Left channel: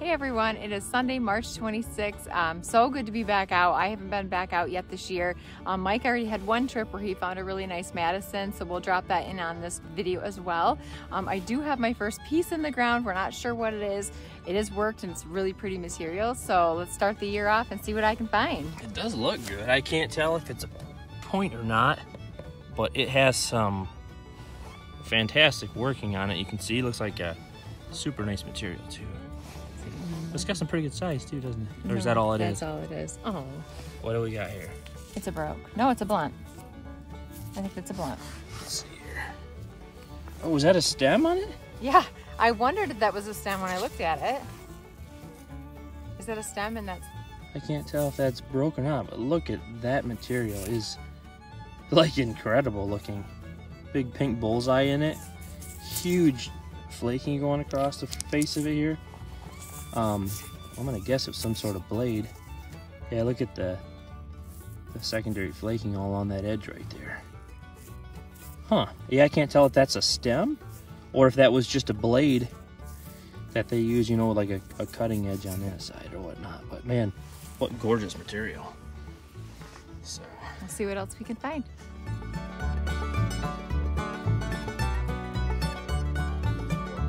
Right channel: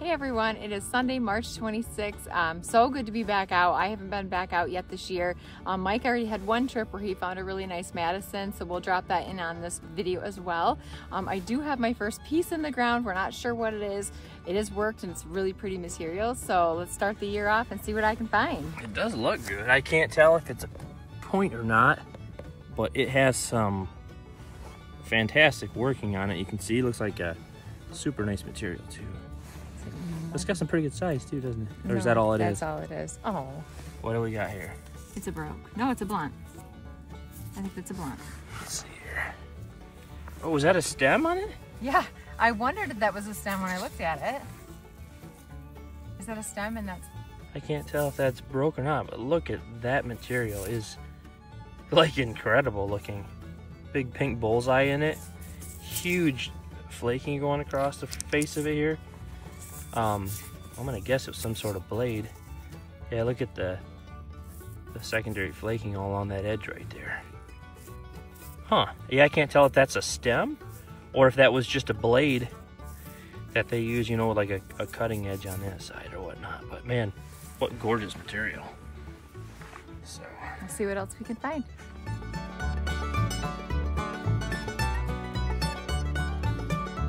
Hey everyone, it is Sunday, March 26th. So good to be back out. I haven't been back out yet this year. Mike already had one trip where he found a really nice Madison, so we'll drop that in on this video as well. I do have my first piece in the ground. We're not sure what it is. It has worked and it's really pretty material, so let's start the year off and see what I can find. It does look good. I can't tell if it's a point or not, but it has some fantastic working on it. You can see it looks like a super nice material too. It's got some pretty good size too, doesn't it? Or is that all it is? That's all it is. Oh. What do we got here? It's a broke. No, it's a blunt. I think it's a blunt. Let's see here. Oh, is that a stem on it? Yeah, I wondered if that was a stem when I looked at it. Is that a stem? And that's... I can't tell if that's broke or not, but look at that material. Is like incredible looking. Big pink bullseye in it. Huge flaking going across the face of it here. I'm gonna guess it was some sort of blade. Yeah, look at the secondary flaking all on that edge right there. Huh, yeah, I can't tell if that's a stem or if that was just a blade that they use, you know, with like a cutting edge on that side or whatnot. But man, what gorgeous material. So we'll see what else we can find.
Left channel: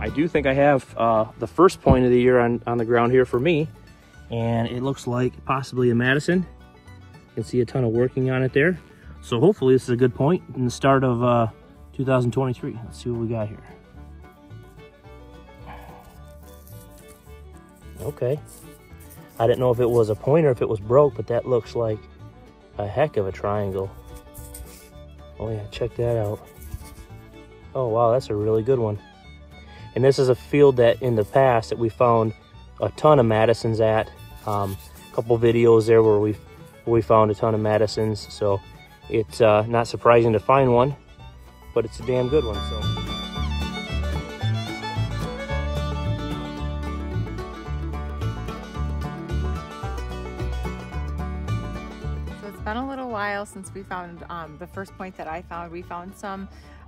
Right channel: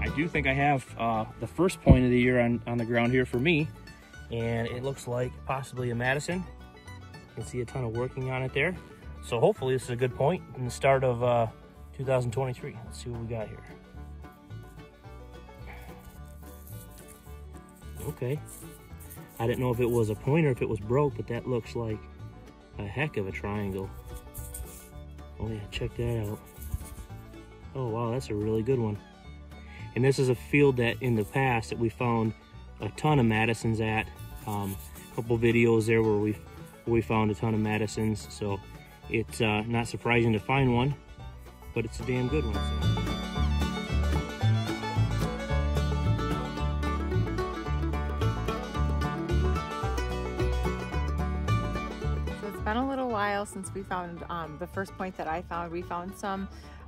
I do think I have the first point of the year on the ground here for me, and it looks like possibly a Madison. You can see a ton of working on it there. So hopefully this is a good point in the start of 2023. Let's see what we got here. Okay. I didn't know if it was a point or if it was broke, but that looks like a heck of a triangle. Oh yeah, check that out. Oh wow, that's a really good one. And this is a field that in the past that we found a ton of Madisons at. A couple videos there where we found a ton of Madisons. So it's not surprising to find one, but it's a damn good one. So it's been a little while since we found the first point that I found. We found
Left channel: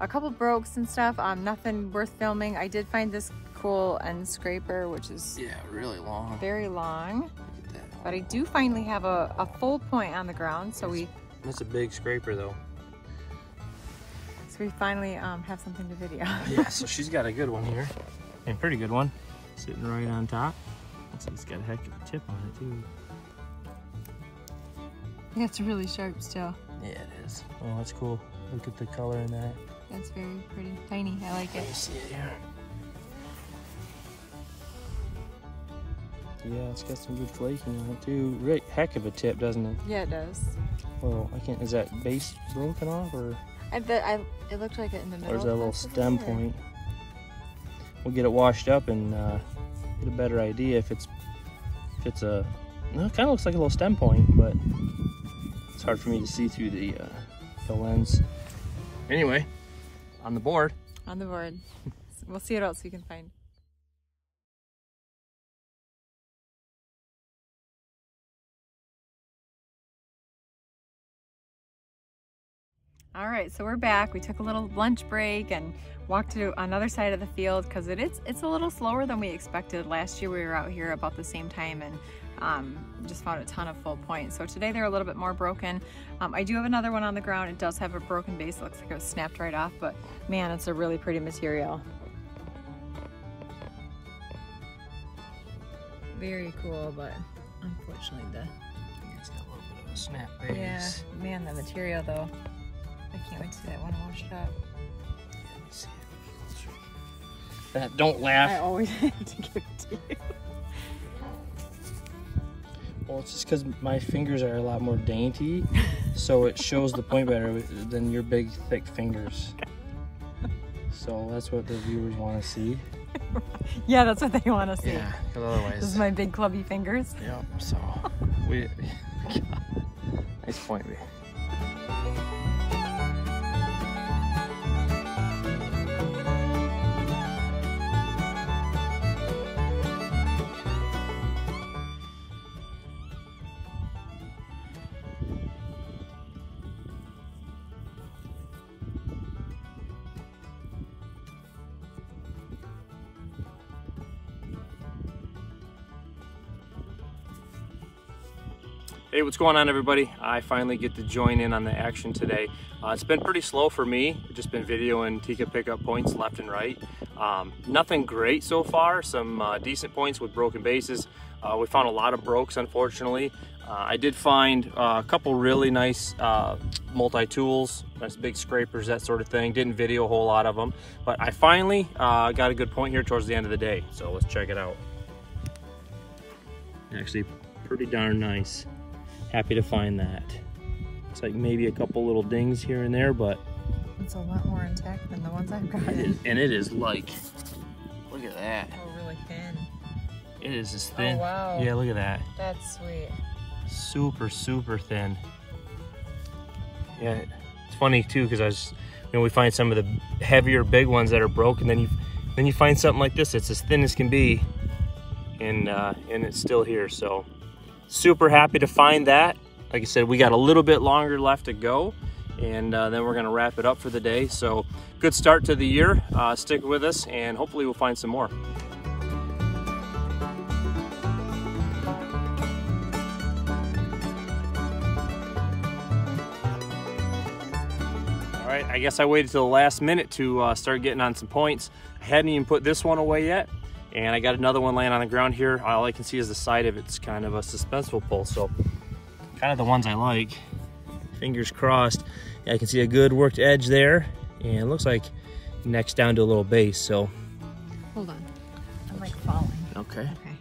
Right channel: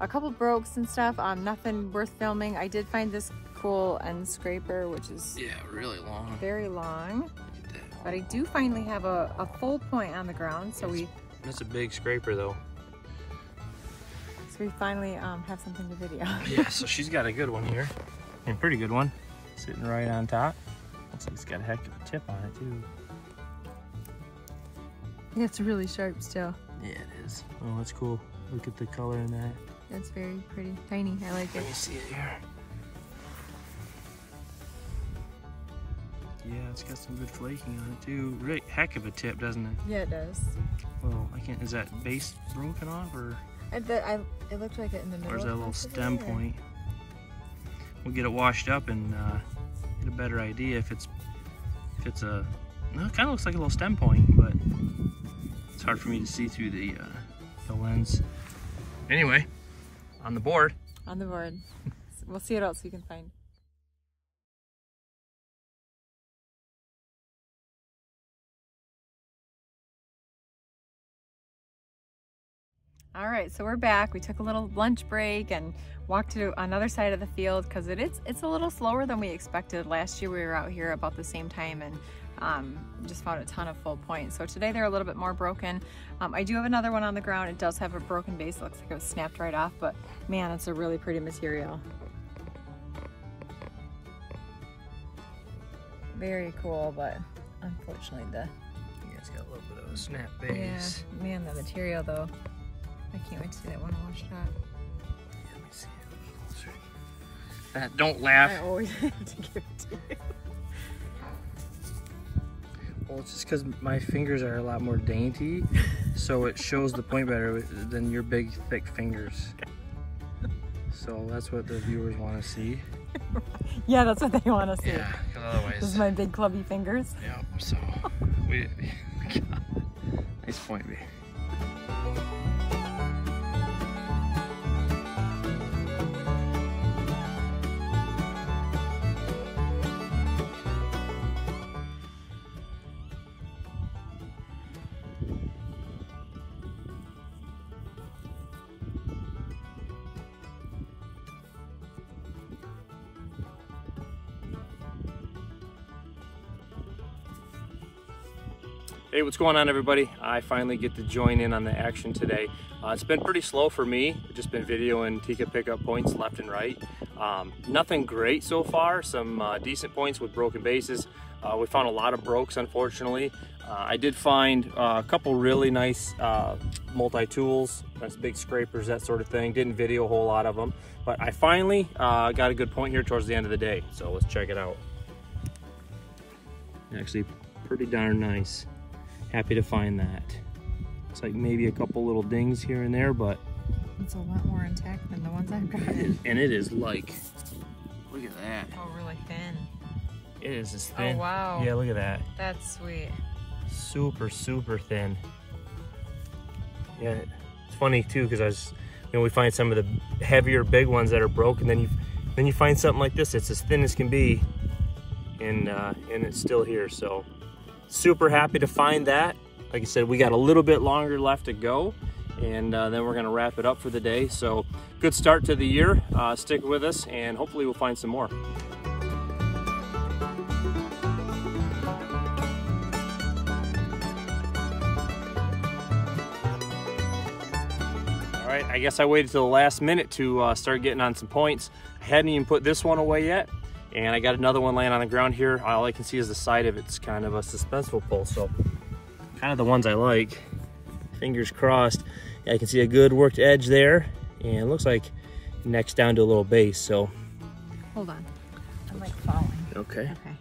a couple brokes and stuff, nothing worth filming. I did find this cool end scraper, which is really long, very long. But I do finally have a full point on the ground, so that's a big scraper though. So we finally have something to video. Yeah, so she's got a good one here, and a pretty good one, sitting right on top. Looks like it's got a heck of a tip on it too. It's really sharp still. Yeah, it is. Oh, that's cool. Look at the color in that. It's very pretty, tiny. I like it. Let me see it here. Yeah, it's got some good flaking on it too. Really heck of a tip, doesn't it? Yeah, it does. Well, I can't. Is that base broken off, or? It looked like it in the middle. Or is that a little stem point? We'll get it washed up and get a better idea if it's a. Well, it kind of looks like a little stem point, but it's hard for me to see through the lens. Anyway, on the board. On the board. We'll see what else we can find. All right, so we're back. We took a little lunch break and walked to another side of the field because it's a little slower than we expected. Last year we were out here about the same time and just found a ton of full points. So today they're a little bit more broken. I do have another one on the ground. It does have a broken base. It looks like it was snapped right off, but man, it's a really pretty material. Very cool, but unfortunately It's got a little bit of a snap base. Yeah, man, the material though. I can't wait to see that one washed up. Yeah, let me see it. Don't laugh. I always have to give it to you. Well, it's just because my fingers are a lot more dainty, so it shows the point better than your big, thick fingers. So that's what the viewers want to see. Yeah, that's what they want to see. Yeah, otherwise. This is my big clubby fingers. Yeah, so nice point, B. Hey, what's going on, everybody? I finally get to join in on the action today. It's been pretty slow for me. I've just been videoing Tika pickup points left and right. Nothing great so far, some decent points with broken bases. We found a lot of brokes, unfortunately. I did find a couple really nice multi-tools, nice big scrapers, that sort of thing. Didn't video a whole lot of them, but I finally got a good point here towards the end of the day. So let's check it out. Actually, pretty darn nice. Happy to find that. It's like maybe a couple little dings here and there, but it's a lot more intact than the ones I've gotten. And it is like, look at that. Oh, really thin. It is as thin. Oh, wow. Yeah, look at that. That's sweet. Super, super thin. Yeah, it's funny too, because we find some of the heavier big ones that are broken, then you find something like this that's as thin as can be, and it's still here. So super happy to find that. Like I said, we got a little bit longer left to go, and then we're gonna wrap it up for the day. So good start to the year. Stick with us, and hopefully we'll find some more. All right, I guess I waited till the last minute to start getting on some points. I hadn't even put this one away yet, and I got another one laying on the ground here. All I can see is the side of it's kind of a suspenseful pull, so kind of the ones I like. Fingers crossed. I can see a good worked edge there, and it looks like neck's down to a little base. So hold on, I'm like falling. Okay. Okay.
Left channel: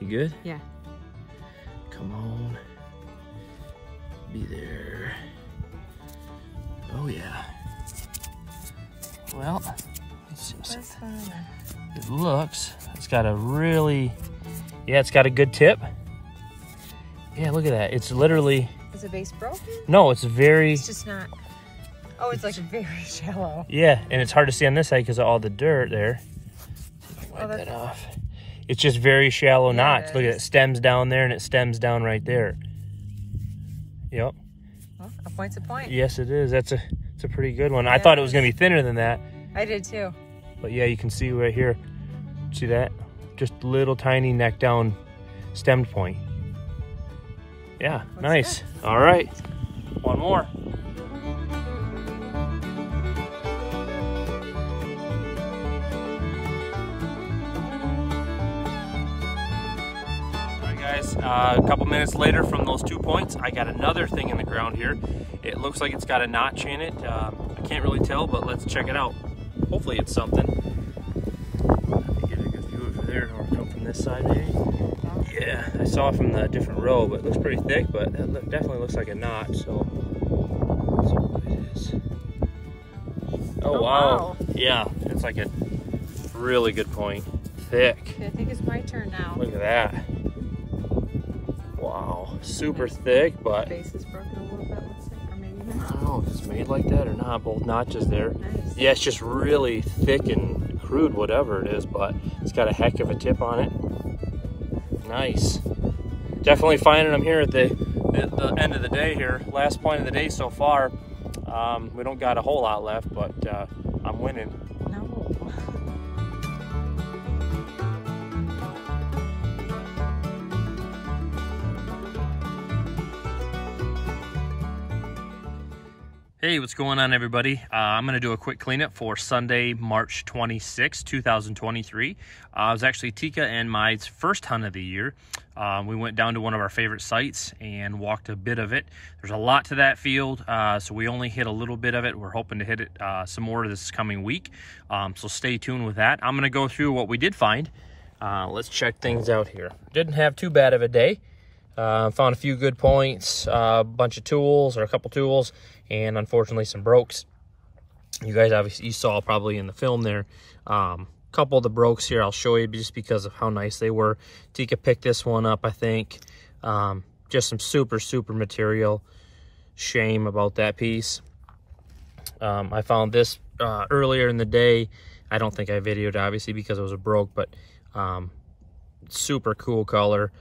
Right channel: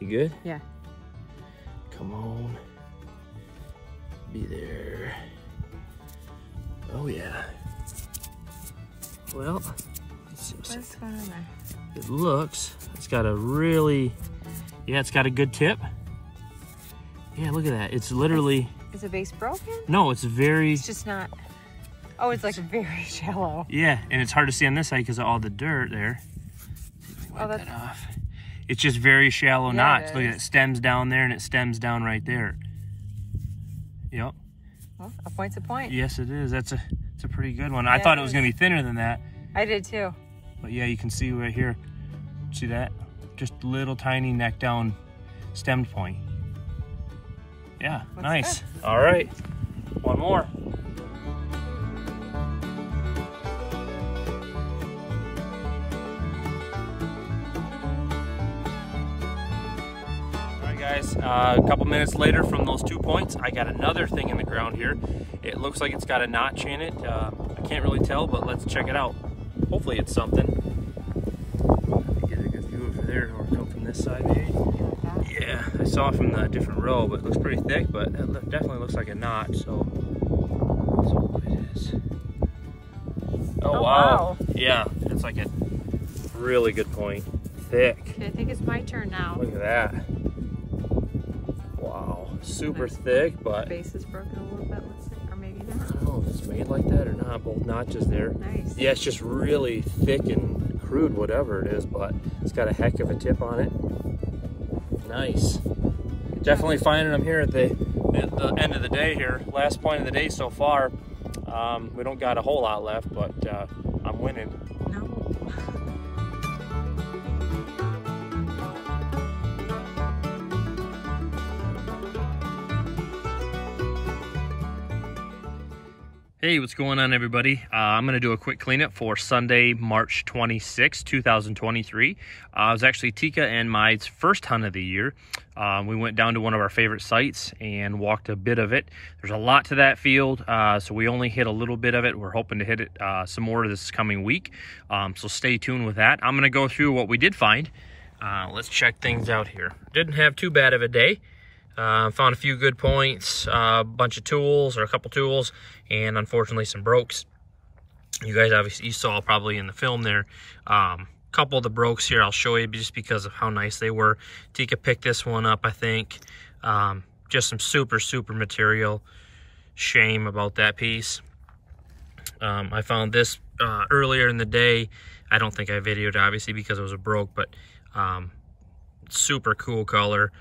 You good? Yeah. Come on. Be there. Oh yeah. Well, let's see what's going on there. It looks, it's got a really, yeah, it's got a good tip. Yeah, look at that. It's literally. Is the base broken? No, it's very. It's just not. Oh, it's like very shallow. Yeah, and it's hard to see on this side because of all the dirt there. Oh, that's. That off. It's just very shallow knots. Look at it. It stems down there and it stems down right there. Yep. Well, a point's a point. Yes, it is. It's a pretty good one. Yeah, I thought it was gonna be thinner than that. I did too. But yeah, you can see right here. See that? Just little tiny neck down stemmed point. Yeah, looks nice. Good. All right, one more. All right, guys, a couple minutes later from those 2 points, I got another thing in the ground here. It looks like it's got a notch in it. I can't really tell, but let's check it out. Hopefully it's something. Get a good view over there, or come from this side maybe. Yeah, I saw it from the different row, but it looks pretty thick, but it definitely looks like a knot, so. Oh, wow. Yeah, it's like a really good point. Thick. I think it's my turn now. Look at that. Wow, super thick, but. The base is broken a little bit, or maybe not. I don't know if it's made like that or not. Both notches there. Nice. Yeah, it's just really thick and crude, whatever it is, but it's got a heck of a tip on it. Nice. Definitely finding them here at the end of the day here. Last point of the day so far. We don't got a whole lot left, but I'm winning. No. Hey, what's going on, everybody? I'm going to do a quick cleanup for Sunday, March 26, 2023. It was actually Tika and my first hunt of the year. We went down to one of our favorite sites and walked a bit of it. There's a lot to that field, so we only hit a little bit of it. We're hoping to hit it some more this coming week, so stay tuned with that. I'm going to go through what we did find. Let's check things out here. Didn't have too bad of a day. Found a few good points, a bunch of tools, or a couple tools, and unfortunately some brokes. You guys obviously saw probably in the film there. Couple of the brokes here I'll show you just because of how nice they were. Tika picked this one up, I think. Just some super material. Shame about that piece. I found this earlier in the day. I don't think I videoed obviously because it was a broke, but super cool color.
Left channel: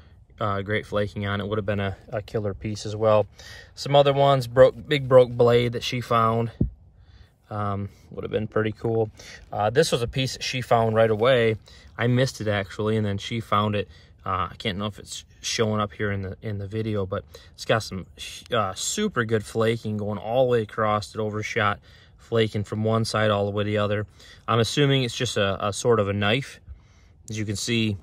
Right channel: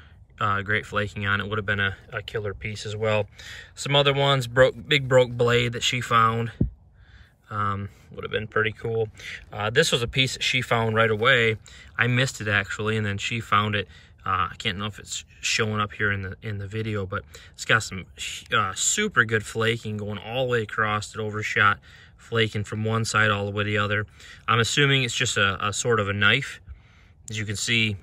Great flaking on it. Would have been a killer piece as well. Some other ones, big broke blade that she found. Would have been pretty cool. This was a piece that she found right away. I missed it actually, and then she found it I can't know if it's showing up here in the video, but it's got some super good flaking going all the way across. It overshot flaking from one side all the way to the other. I'm assuming it's just a sort of a knife. As you can see,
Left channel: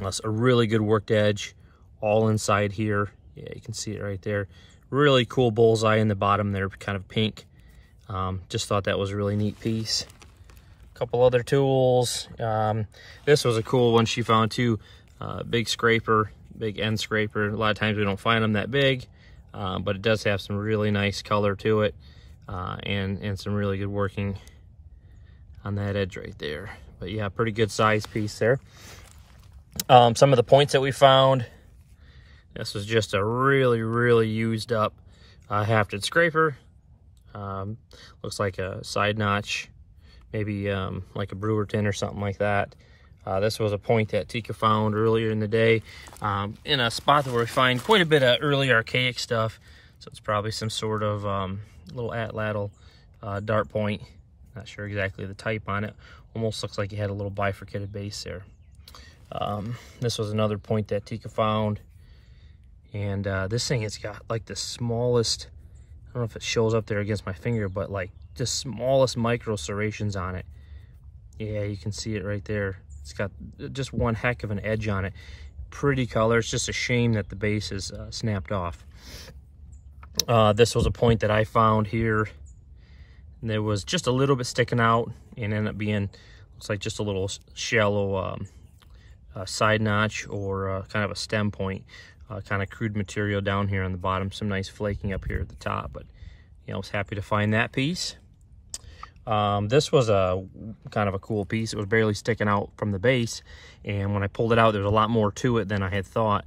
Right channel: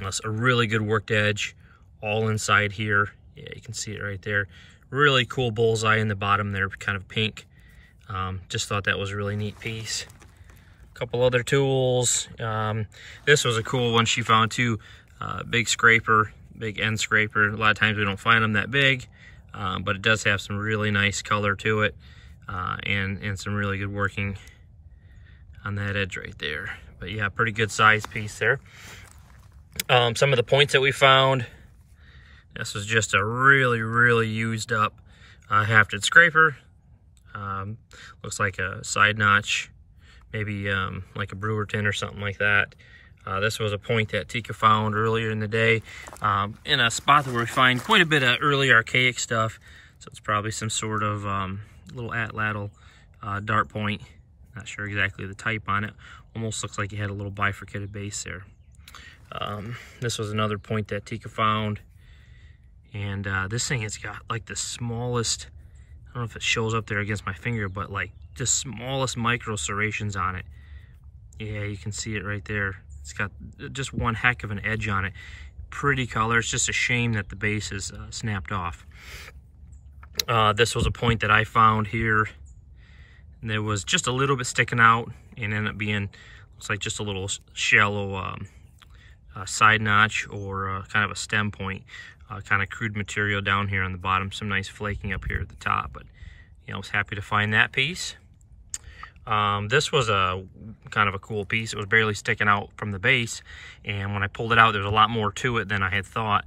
that's a really good worked edge all inside here. Yeah, you can see it right there. Really cool bullseye in the bottom there, kind of pink. Just thought that was a really neat piece. A couple other tools. This was a cool one she found too. Big scraper, big end scraper. A lot of times we don't find them that big, but it does have some really nice color to it, and some really good working on that edge right there. But yeah, pretty good size piece there. Some of the points that we found. This was just a really used up hafted scraper. Looks like a side notch, maybe like a Brewerton or something like that. This was a point that Tika found earlier in the day in a spot where we find quite a bit of early archaic stuff. So it's probably some sort of little atlatl dart point. Not sure exactly the type on it. Almost looks like it had a little bifurcated base there. This was another point that Tika found. And this thing has got like the smallest, I don't know if it shows up there against my finger, but like the smallest micro serrations on it. Yeah, you can see it right there. It's got just one heck of an edge on it. Pretty color. It's just a shame that the base is snapped off. This was a point that I found here. And there was just a little bit sticking out and ended up being, looks like just a little shallow side notch or kind of a stem point. Kind of crude material down here on the bottom. Some nice flaking up here at the top, but you know, I was happy to find that piece. This was a kind of a cool piece. It was barely sticking out from the base, and when I pulled it out, there's a lot more to it than I had thought.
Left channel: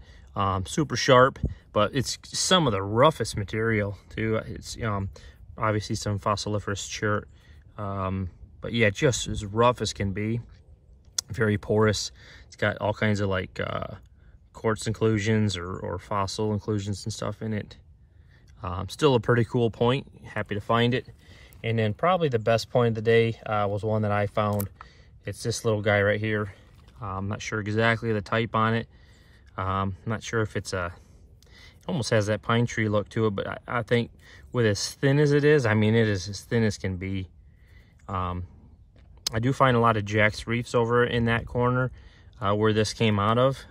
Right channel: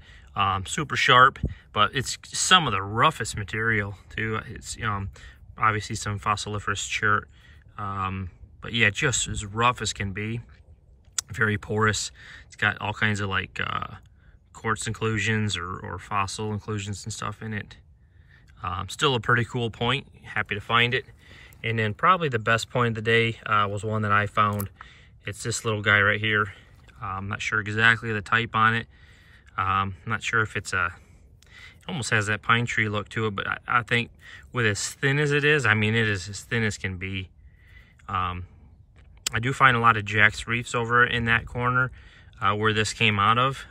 Super sharp, but it's some of the roughest material too. It's obviously some fossiliferous chert, but yeah, just as rough as can be. Very porous. It's got all kinds of like quartz inclusions or fossil inclusions and stuff in it. Still a pretty cool point. Happy to find it. And then probably the best point of the day was one that I found. It's this little guy right here. I'm not sure exactly the type on it. I'm not sure if it's it almost has that pine tree look to it, but I think with as thin as it is, I mean, it is as thin as can be. I do find a lot of Jack's Reefs over in that corner where this came out of.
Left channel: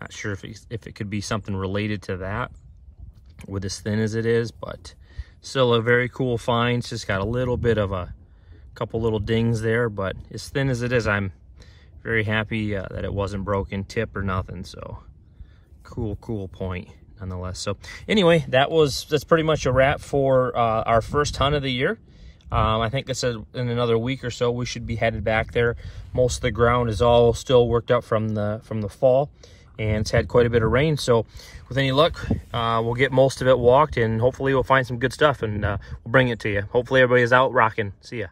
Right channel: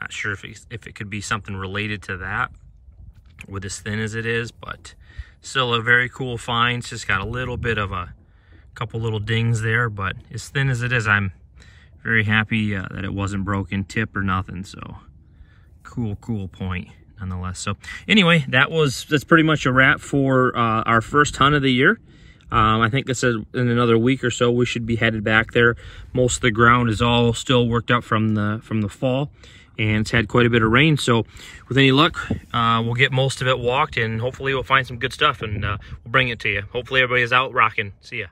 Not sure if it could be something related to that with as thin as it is, but still a very cool find. It's just got a little bit of a couple little dings there, but as thin as it is, I'm very happy that it wasn't broken tip or nothing. So cool point nonetheless. So anyway, that's pretty much a wrap for our first hunt of the year. I think it's in another week or so we should be headed back there. Most of the ground is all still worked up from the fall, and it's had quite a bit of rain. So with any luck, we'll get most of it walked, and hopefully we'll find some good stuff, and we'll bring it to you. Hopefully everybody's out rocking. See ya.